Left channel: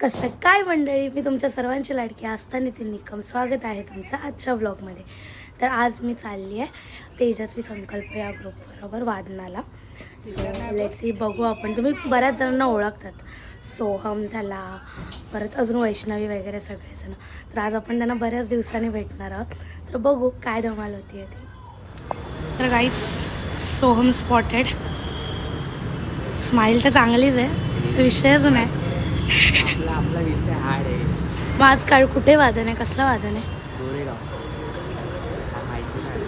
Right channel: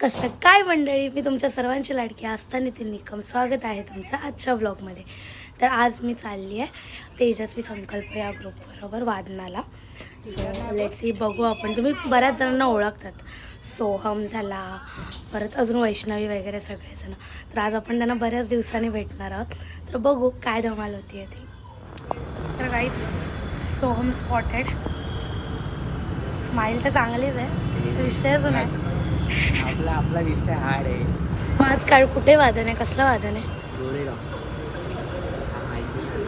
कसं काय मंडळी, मी तुमच्या सर्वांची लाडकी आस्था नितीन निकम. स्वागत आहे तुमचं आजच्या ब्लॉगमध्ये. तर आज मी चालली आहे तेजस्वी संकल्प या ग्रुपबरोबर वादनाला. सो लेट्स सी, बघू आपण. तुम्ही बऱ्याच जणांना ओळखतात, सोहम झाला, परत अजून वैष्णवी वगैरे सगळेजण. तर आज आपण त्यांना बऱ्याच दिवसांनी भेटणार आहोत. तर बघू काय धमाल होती ती. तर गाईस, सोहम स्पॉटेड. स्माईल तर चांगलीच आहे, विषयच नाही. आपला विषय हार्ड आहे. मग आज काळ कुठे वादन आहे? कसलं वादन आहे? गोरेगाव. काय माहिती नाही.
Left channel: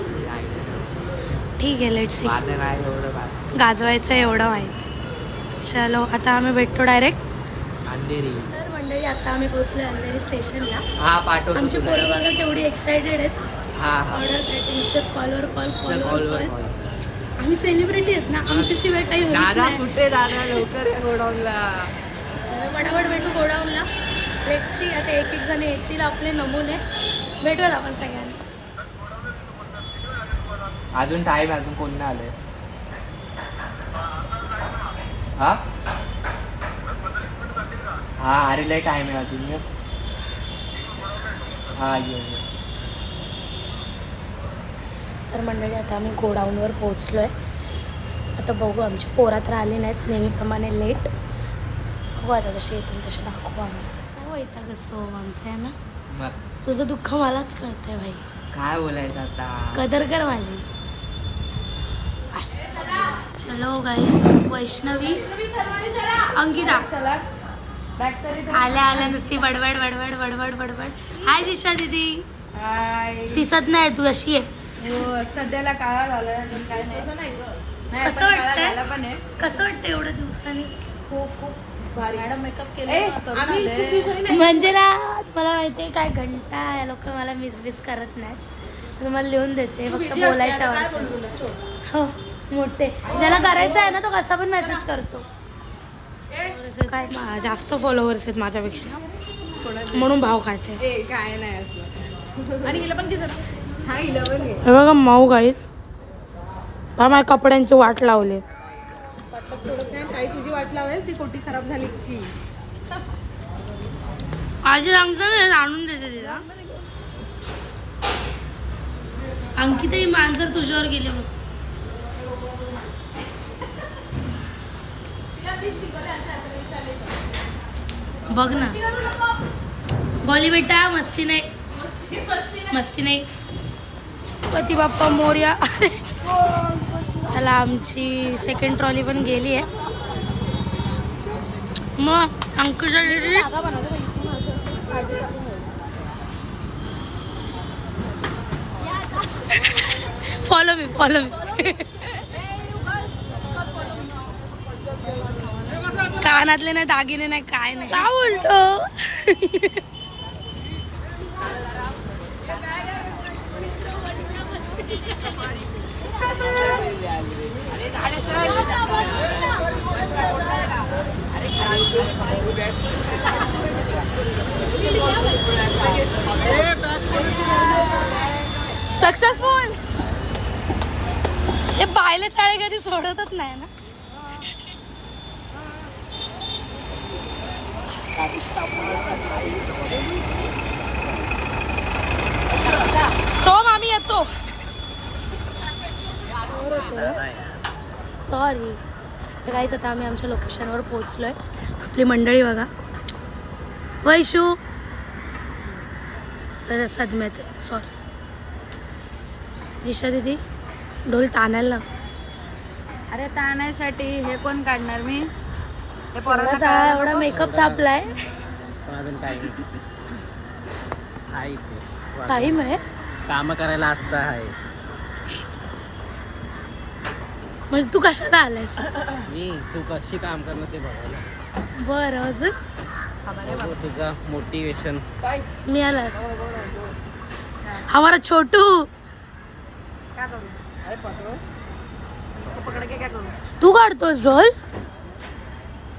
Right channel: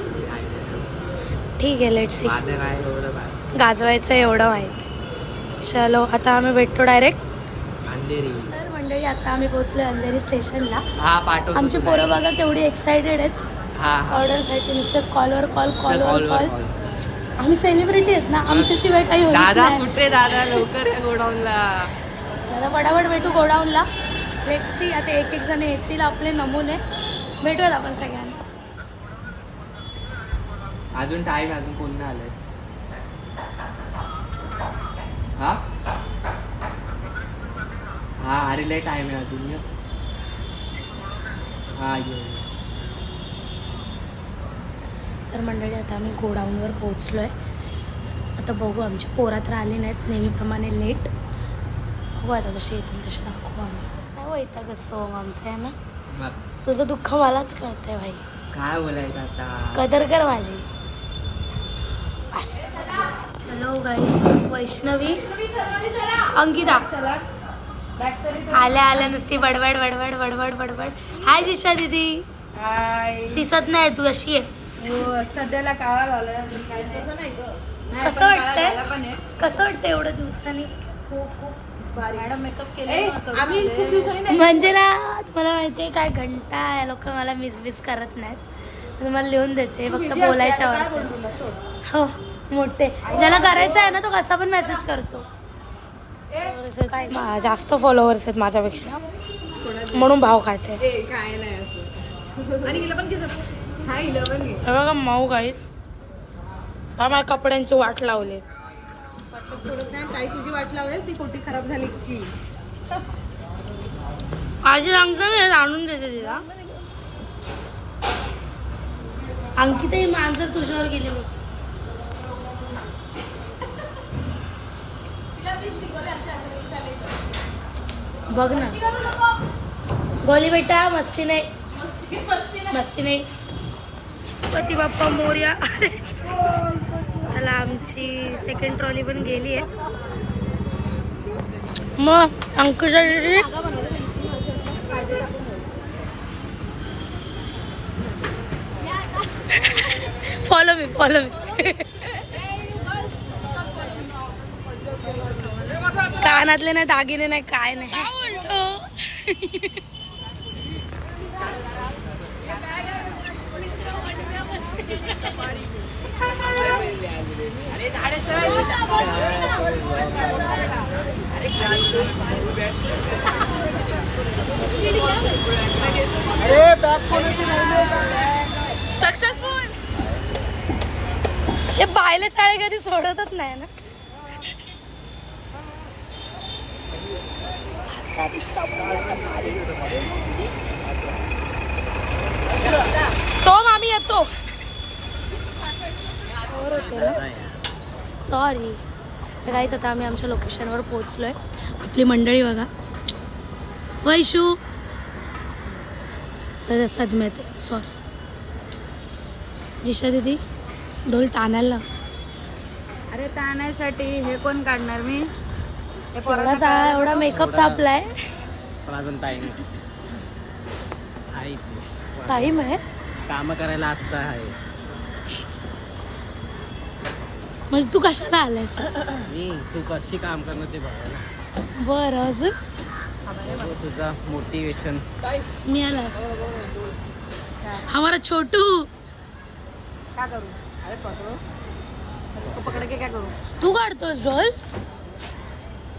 ठीक आहे, लेट्स सी. वादन आहे एवढं बस. गाजवायचं एवढं माहिती. चलो, आता आम्ही भेटतो डायरेक्ट अंधेरी. तर मंडळी, आता आम्ही पोहोचलो अंधेरी स्टेशनला. हा पाठवतो. आमची पोरं बघा केवढी एक्सायटेड आहेत हा ऑर्डरसाठी. नुसते कॉलवर कॉल. कॉल. आम्ही सेलिब्रिटी आहेत ना, आमच्याशिवाय काही होत दादा नाही. कुठे? दादा लवकर या गोडाऊनला. फटाफट भेटू गोडाऊनला. लेट्स सी, आता एक एक जण येतील आपले नमुने. भेटूयात आपण सगळ्यांना. अजून टाइम, अजून कोणी नाही आलं. हा हा, अरे लय टाइम आहे अजून. हा ये. तर मंडळी, आता आम्ही गोडाऊनवर पोहोचलो आहे. आता बघू, आमची पोरात राहिली नाहीत, नेहमीप्रमाणे लेट. बघू आता जसे येतील तसे दाखवू आम्ही. काय वैताग असतो आमचं आहे ना. मग तुझं दुःख मलाच कळतंय भाई. काय बोलायचं आता. कदर कर माझी. चलो गाईस, वैष्णवी, अंकिता आल्या आल्या नुसती बडबड बडबड बडबड बडबड. हाय जिशा दीदी. दिसत नाही तू, अशी आहे. सध्याला काळा झाला. कसं वाटतंय? कसं वाटतंय एवढ्या दिवसांनी? खूप भारी मॅडम मेकअप केलं. आम्ही खूप दिवसांनी म्हणजे ना, तुम्हाला माहिती आहे काय, घंटा या लोक मला मिस करत नाहीत. तुम्हाला लिहून देते, फक्त बोलायच्या वरती. हो, मोठे ज्याला करायचं आहे ना तो कसा पण मेसेज करतो. जास्त फॉलोअर्स आहेत माझ्यापेक्षा, म्हणून भाव काढते. काय नाही असं. आणि हिला पण घे. हा, हिला पण घे. हे बघा माऊ गाईस, माझ्या कपड्यांची वाट लावले. थोडं नाही, काही तुझी वाट लावेल ती कोटी खराब झाली की. आजी सांगतो आणून देते तिला. अंकिता ही मांजर तुझ्यावर गेले बघ. बघ ना, बोली बेटा, मस्ती नाही, मस्ती नाही. पती बाप्पा मोरया. चला, आमची सेकंड ट्रॉली पण गेली आहे. मग अंकुशा दीदी, फॉलो मी. कानातले नाही, दागिने नाही, काय नाही. काय बोलतो? सक्सेसफुल. हे बायले चाळे कधी सोडतच नाही ना. सोम, आम्ही येतो. सॉरी. तर काहीच, आता आम्ही आमच्या लोकेशनवर पोहोचलोय. आपली मंडळी बघा. वैशू सजमेत. सॉरी जिशा दीदी, ढोल ताणायला लाग. अरे ताणायसाठी हे कोण काढणार? मी एवढा मेकअप थापलाय. पण अजून टाइम आहे. टाईम आहे. काम करायला असतं आहे. म्हणजे तू कशाला आलायस? मी तू कशी काम करणं ते बघायला. बरं, अजून बघू तुझा मोटिवेशन. मी आलास. हमारा छोटू. काय करू? अरे पकडो. पकड के काय करू? तू काढतोस ढोल?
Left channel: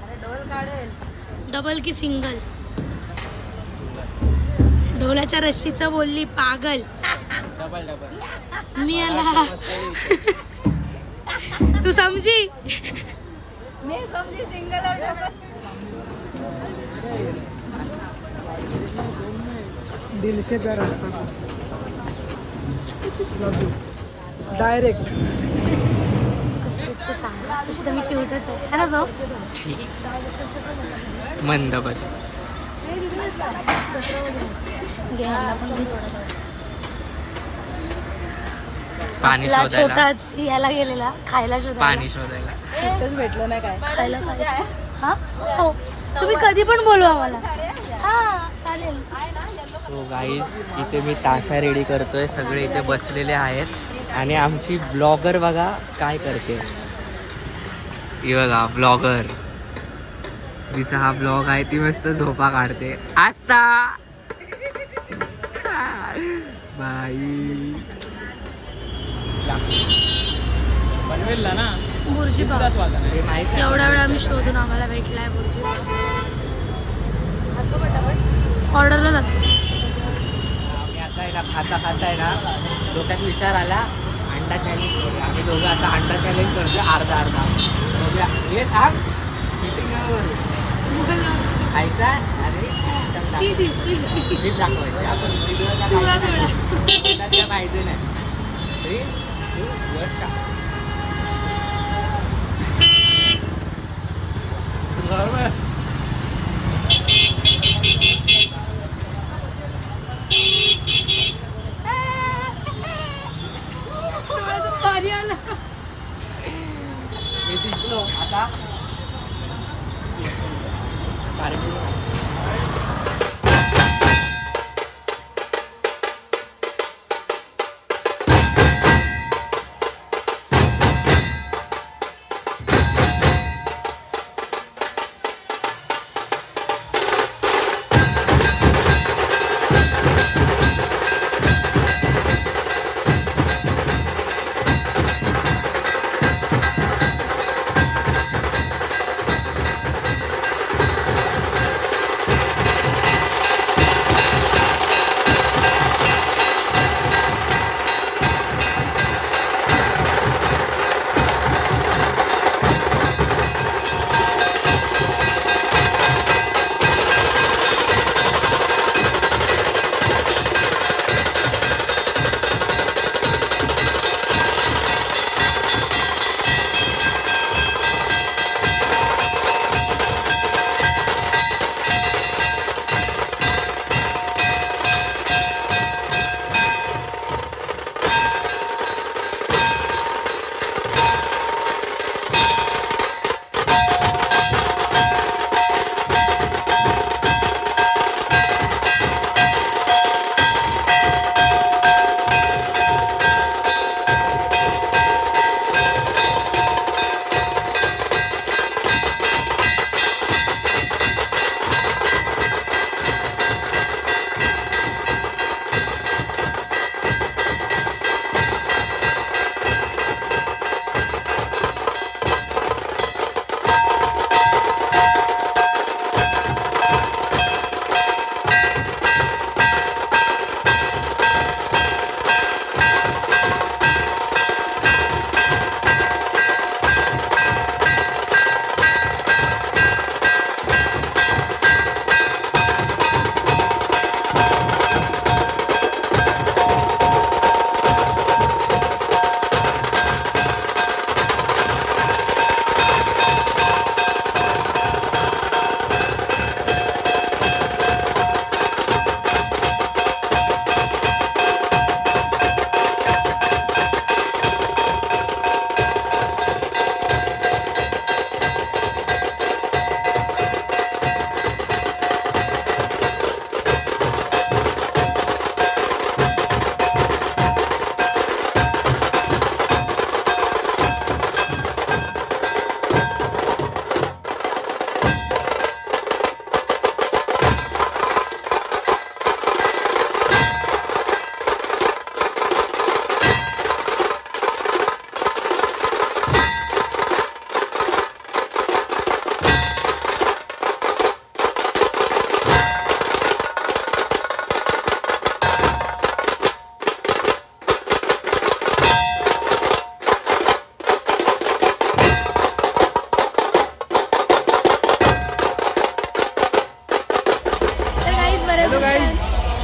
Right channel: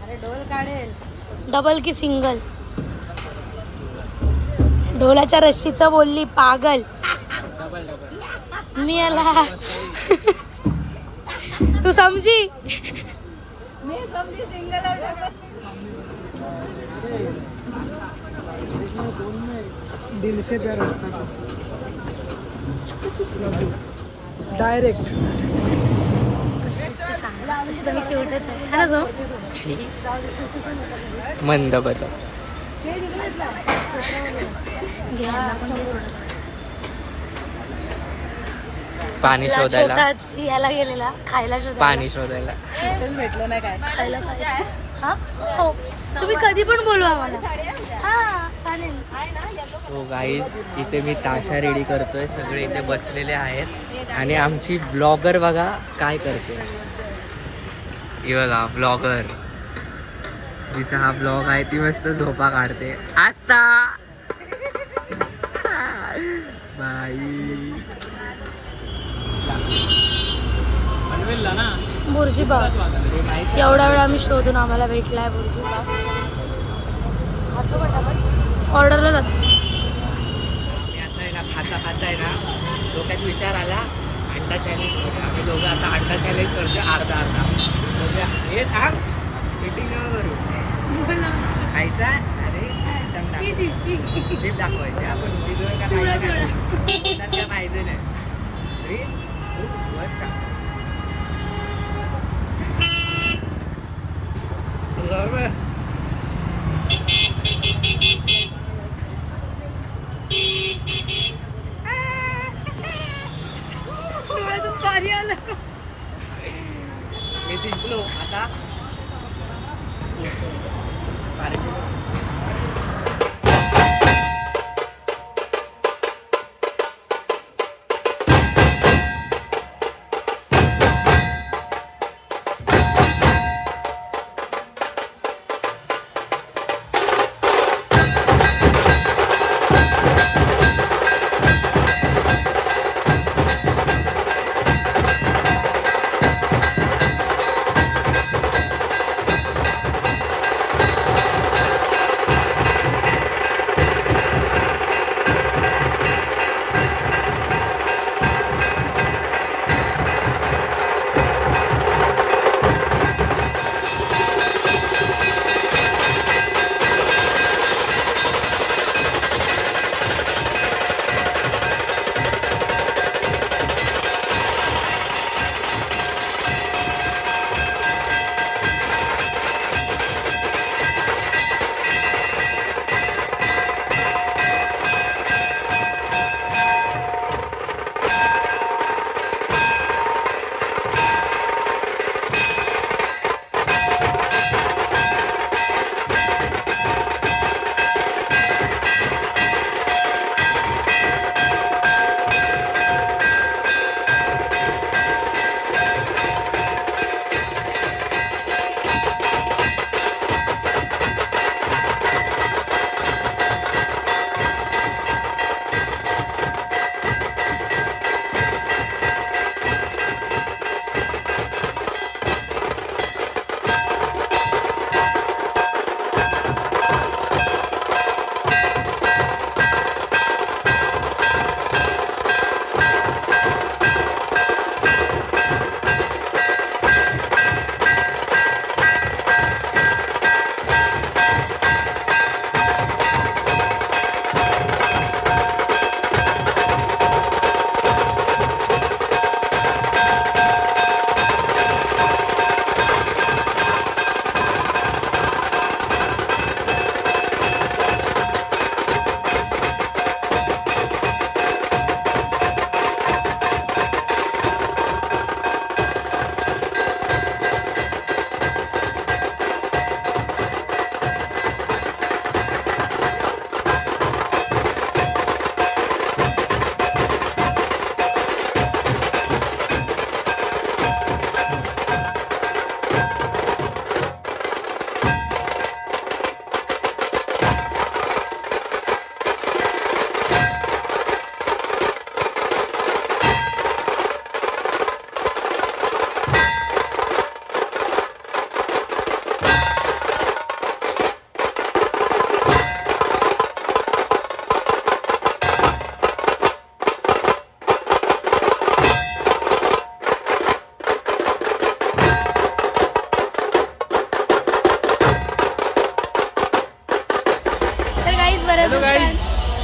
अरे ढोल काढेल. डबल की सिंगल? ढोलाच्या रस्सीचं बोलली पागल. डबल. मी आला. तू समजी. मी समजी सिंगल और डबल. 150 रुपया रास्ता को लव यू डायरेक्ट. कशी दिसते सांगा. तशी तर मी क्यूटच आहे है ना जो. मंद बद घे यांना पण घे थोडं. पाणी शोधायला शेतात याला गेलेला खायला शोधायला. पाणी शोधायला. कुठंच भेटलं नाही काय. खायला काय. हा हो तुम्ही कधी पण बोलवा मला. हा चालेल. सो गाईज इथे मी ताशा रेडी करतोय. सगळे इथे बसलेले आहेत आणि आमची ब्लॉगर बघा काय करते. ही बघा ब्लॉगर जिचा हा ब्लॉग आहे ती मस्त झोपा काढते. आस्था बाई बुर्जी पाव एवढा वेळ आम्ही शोधून आम्हाला भेटलाय बुर्जी पाव. ऑर्डरला जातो. आता आहे ना खाता आहे ना डोक्यात विचार आला अंडा चॅलेंज. आम्ही दोघं आता अंडा चॅलेंज करतो अर्धा दोघे हे थांब मीटिंग करू खायचा. अरे मी दाखवायचं आपण व्हिडिओ पाहिजे नाही. पाणी आलं. मी जिंकलो आता.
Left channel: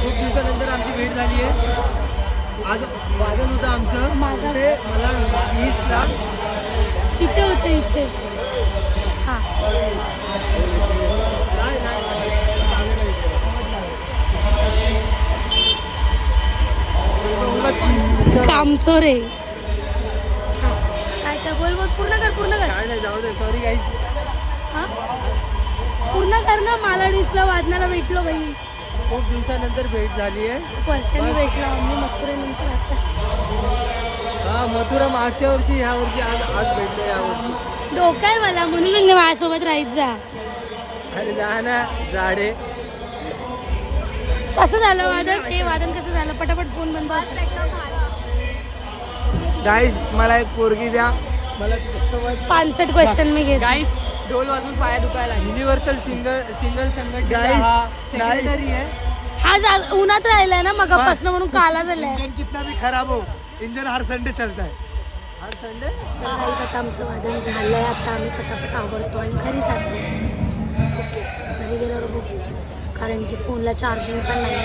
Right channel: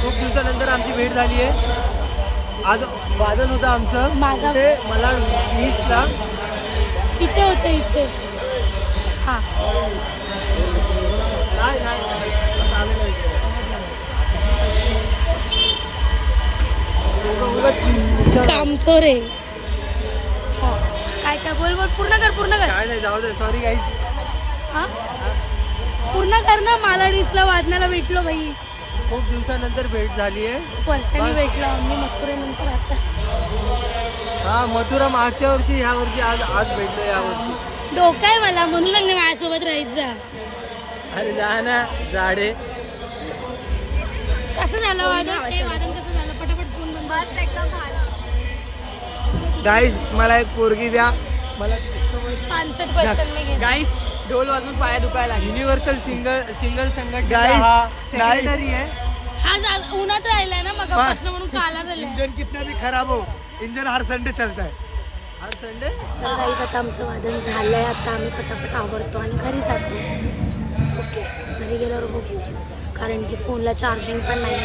खूप दिवसानंतर आमची भेट झाली आहे. आज वादन होतं आमचं. माझं ते मला 20ला इथे होतं इथे. हां कामचोर आहे. हां काय काय बोल बोल पूर्ण कर काय नाही, जाऊ दे. Sorry guys. हां पूर्ण कर ना. मला डिसला वादनाला भेटलो भाई. खूप दिवसानंतर भेट झाली आहे. वर्षांनी बस. भेटलो आम्ही मथुरेनंतर आता. हा, मथुरा मागच्या वर्षी, ह्या वर्षी आज भेटलो या वर्षी. डोकं आहे मला म्हणून सांगणे माझ्यासोबत राहायचं. अरे जा ना झाडे. कसं झालं वादन? हे वादन कसं झालं? पटापट फोन बंद. गाईज मला एक पोरगी द्या. मला 65 क्वेश्चन मी घेतो. गाईस ढोल वाजून पाया दुखायला लागले. युनिव्हर्सल सिंगल संघटना Guys, सेक्रेटरी आहे. हा उन्हात राहिलाय ना मग पसलं म्हणून काला झालाय. इंजन कितना भी खराब हो, इंजन हर संडे चलता है. आज संडे. तर गाईज आता आमचं वादन झालंय. आता आम्ही फटाफट आवरतो आणि घरी जातो. ओके घरी गेल्यावर बघू कारण की फोनला चार्जिंग पण नाही.